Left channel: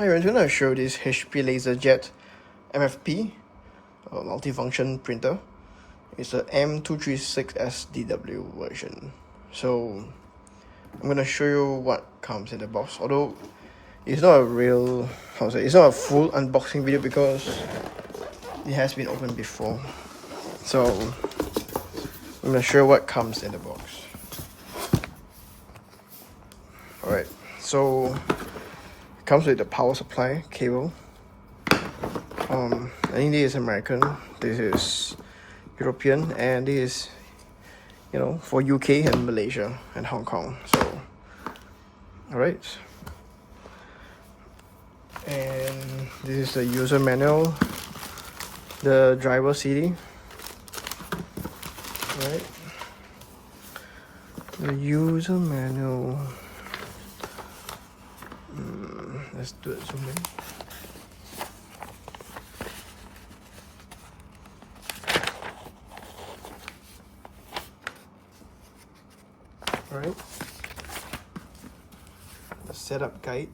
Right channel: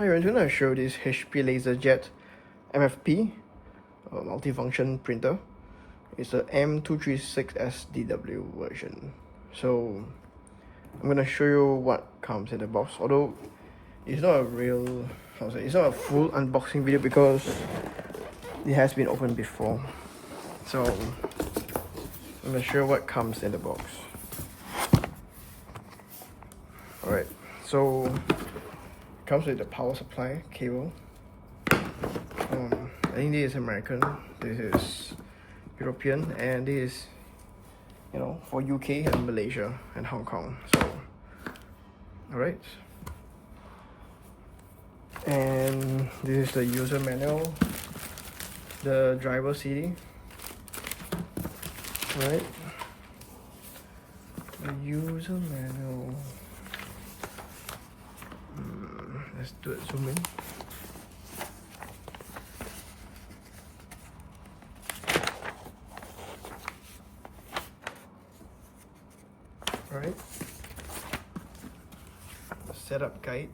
Hi, I'm going to show this HP LaserJet MFP multifunction printer. It's a M236sdw version. So I'm going to show you what comes in the box. Although it's not a real, it's not a full unboxing video because it has been opened before. So I'm going to show you what comes in the box. Alright, so comes with the power supply cable. I think this is American, this is European, and this is, for UK and Malaysia and Hong Kong. So, alright. And this is the user manual, the driver CD. Alright. The user manual. Let's do it zoom in. Alright. Setup guide.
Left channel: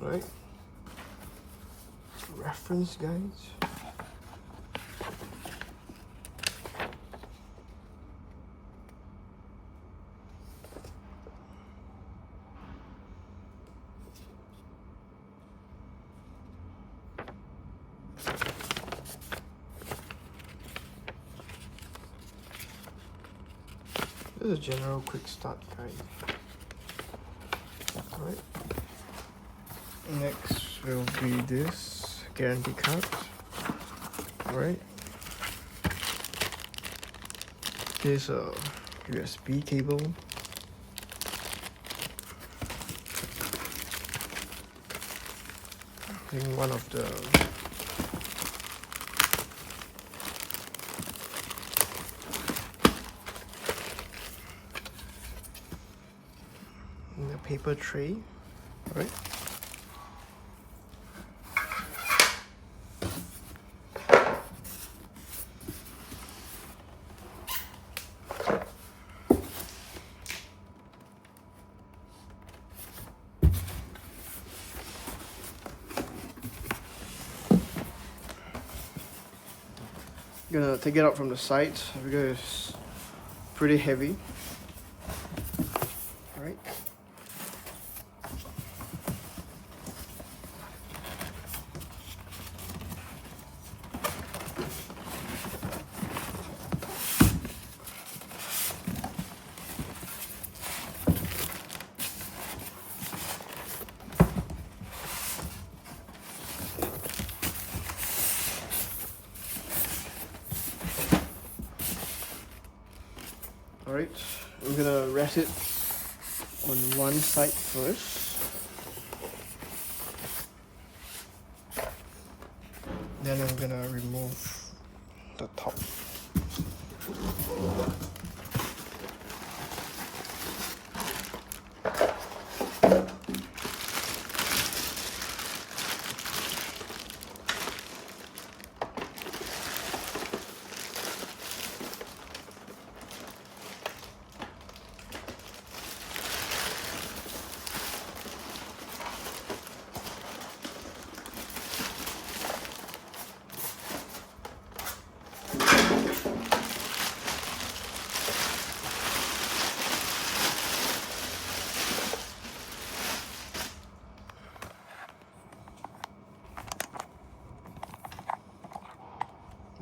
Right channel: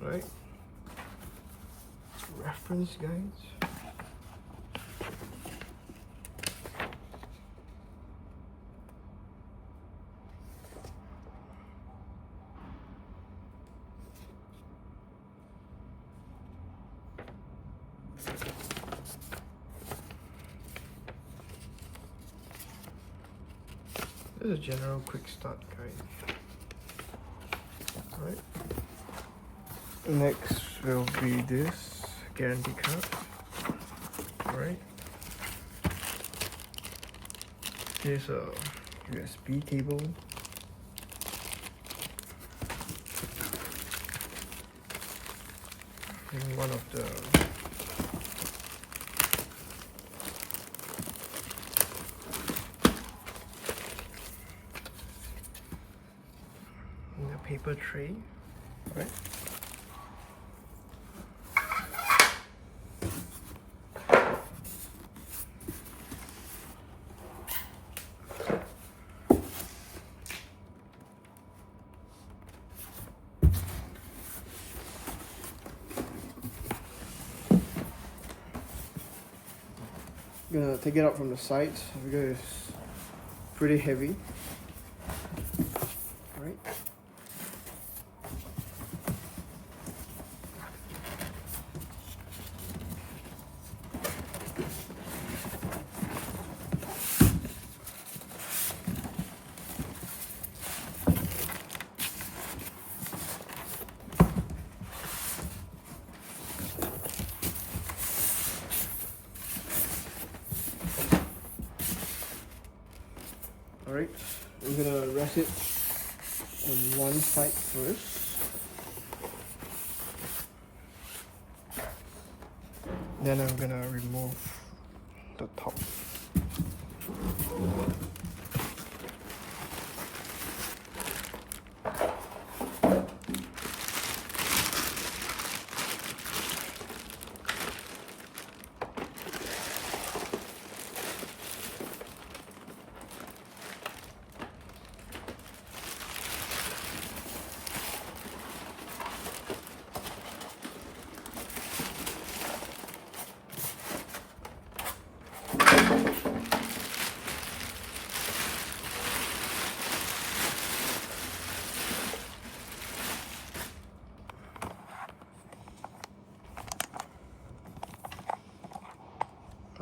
Right, reference guides. This is a general quick start guide. Alright. Next will be this guarantee card. Alright. Here's a USB cable. And one of the paper tray. Alright. Gonna take it out from the sides because it's pretty heavy. Alright. Alright, I'm gonna rest it on one side first. Then I'm gonna remove the top.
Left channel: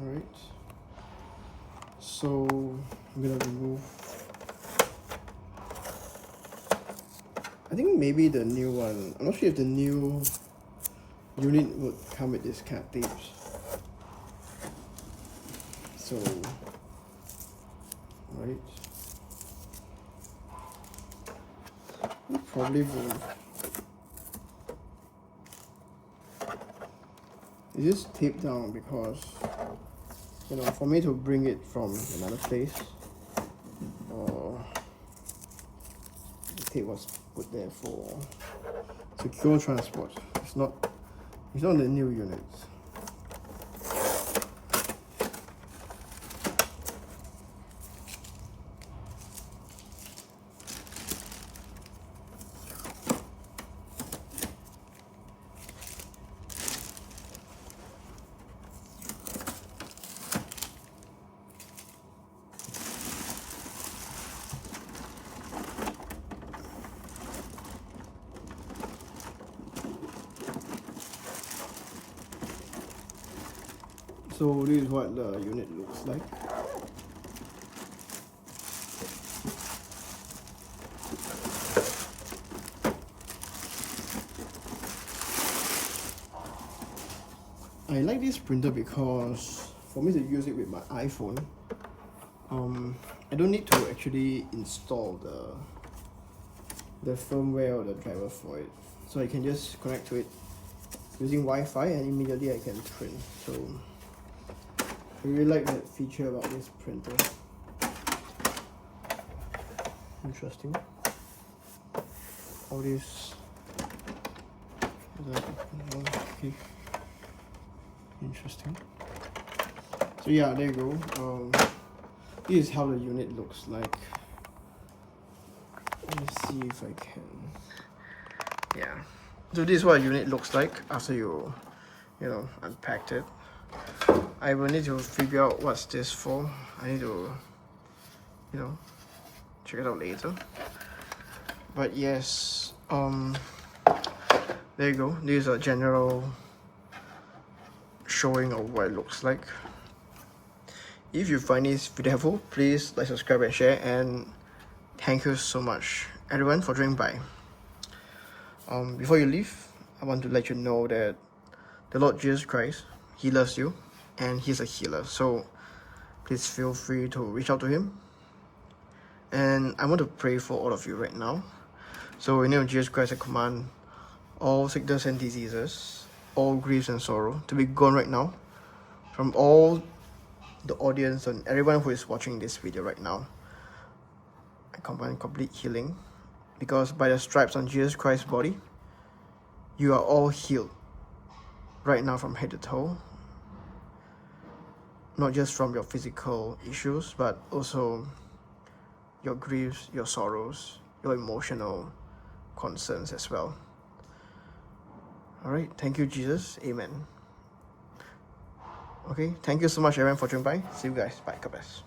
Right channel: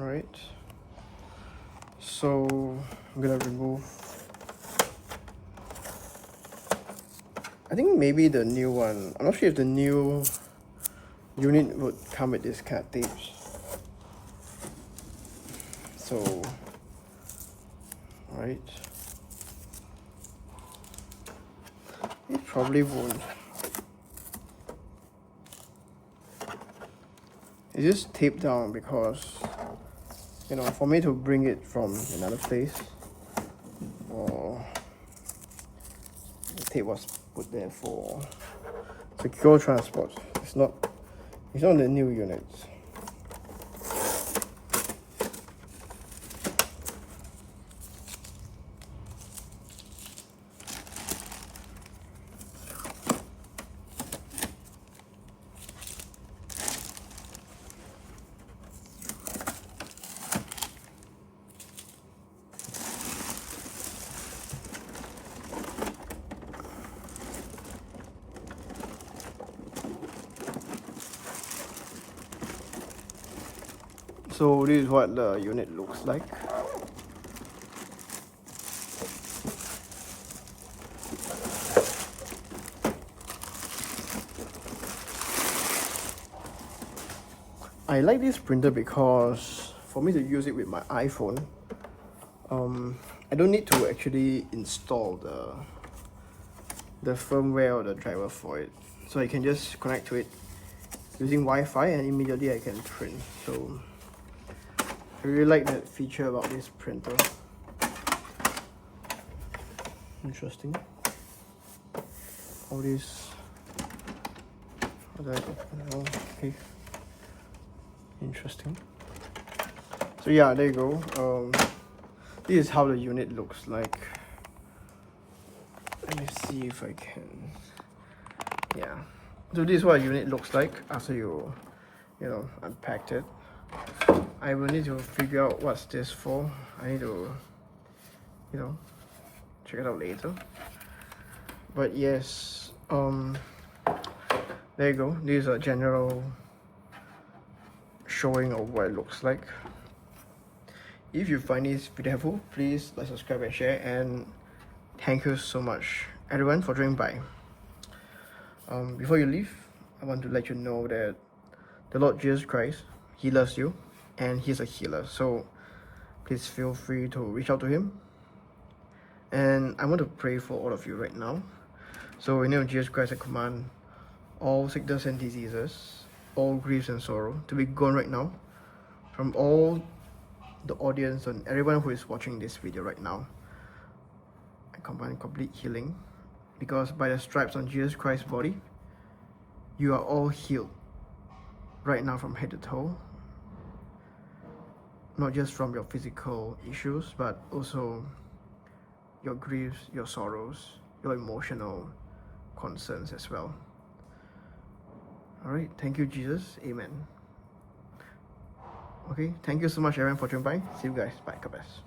Alright, so I'm gonna remove, I think maybe the new one, I'm not sure if the new unit would come with this kind of tapes. So, alright, it probably won't. It's just taped down because for me to bring it from another place or The tape was put there for secure transport. It's not the new units. So this is what the unit looks like. I like this printer because for me to use it with my iPhone, I don't need to actually install the firmware or the driver for it. So I can just connect to it using Wi-Fi and immediately I can print. So I really like that feature about this printer. Interesting. All this. Okay. Interesting. So yeah, there you go. This is how the unit looks like. Let me see if I can. Yeah. So this is what a unit looks like after you unpacked it. I will need to figure out what's this for. I need to, check it out later. But yes, there you go. This is a general showing of what it looks like. If you find this video helpful, please like, subscribe and share, and thank you so much everyone for joining by. Before you leave, I want to let you know that the Lord Jesus Christ, He loves you and He's a healer. So please feel free to reach out to Him. And I want to pray for all of you right now. So in the name of Jesus Christ, I command all sickness and diseases, all griefs and sorrow to be gone right now from all the audience and everyone who is watching this video right now. I command complete healing, because by the stripes on Jesus Christ's body, you are all healed right now from head to toe. Not just from your physical issues, but also your griefs, your sorrows, your emotional concerns as well. Alright, thank you Jesus, amen. Okay, thank you so much everyone for joining by. See you guys, bye, God bless.